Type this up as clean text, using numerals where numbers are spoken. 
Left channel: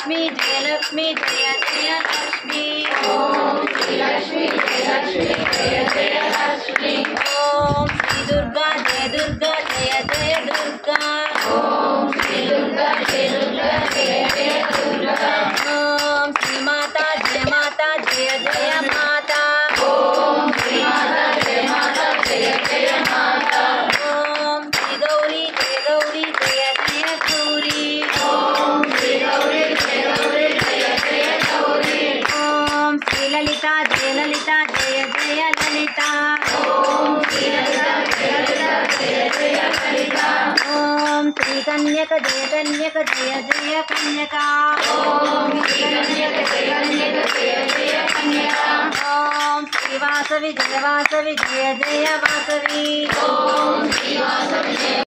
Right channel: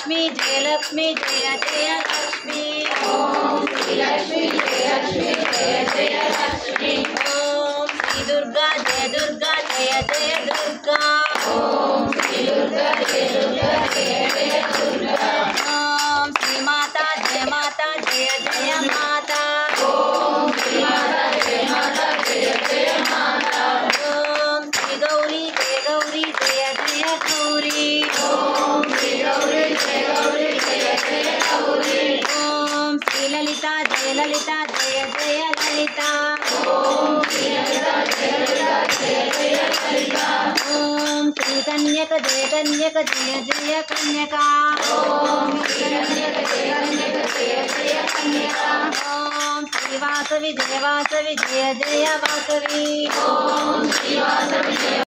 लक्ष्मी जय लक्ष्मी जय जय लक्ष्मी ओम श्री लक्ष्मी जय लक्ष्मी जय जय लक्ष्मी ओम श्री दुर्गा जय दुर्गा जय जय दुर्गा ओम श्री दुर्गा जय दुर्गा जय जय दुर्गा ओम श्री माता जय जय माता ओम श्री माता जय जय माता ओम श्री गौरी जय गौरी जय जय गौरी ओम श्री गौरी जय जय गौरी ओम श्री ललिता जय ललिता जय जय ललिता ओम श्री ललिता जय जय ललिता ओम श्री कन्यक जय जय कन्यका ओम श्री कन्यक जय जय कन्यका ओम श्री वासवी जय जय वासवी ओम श्री वासवी जय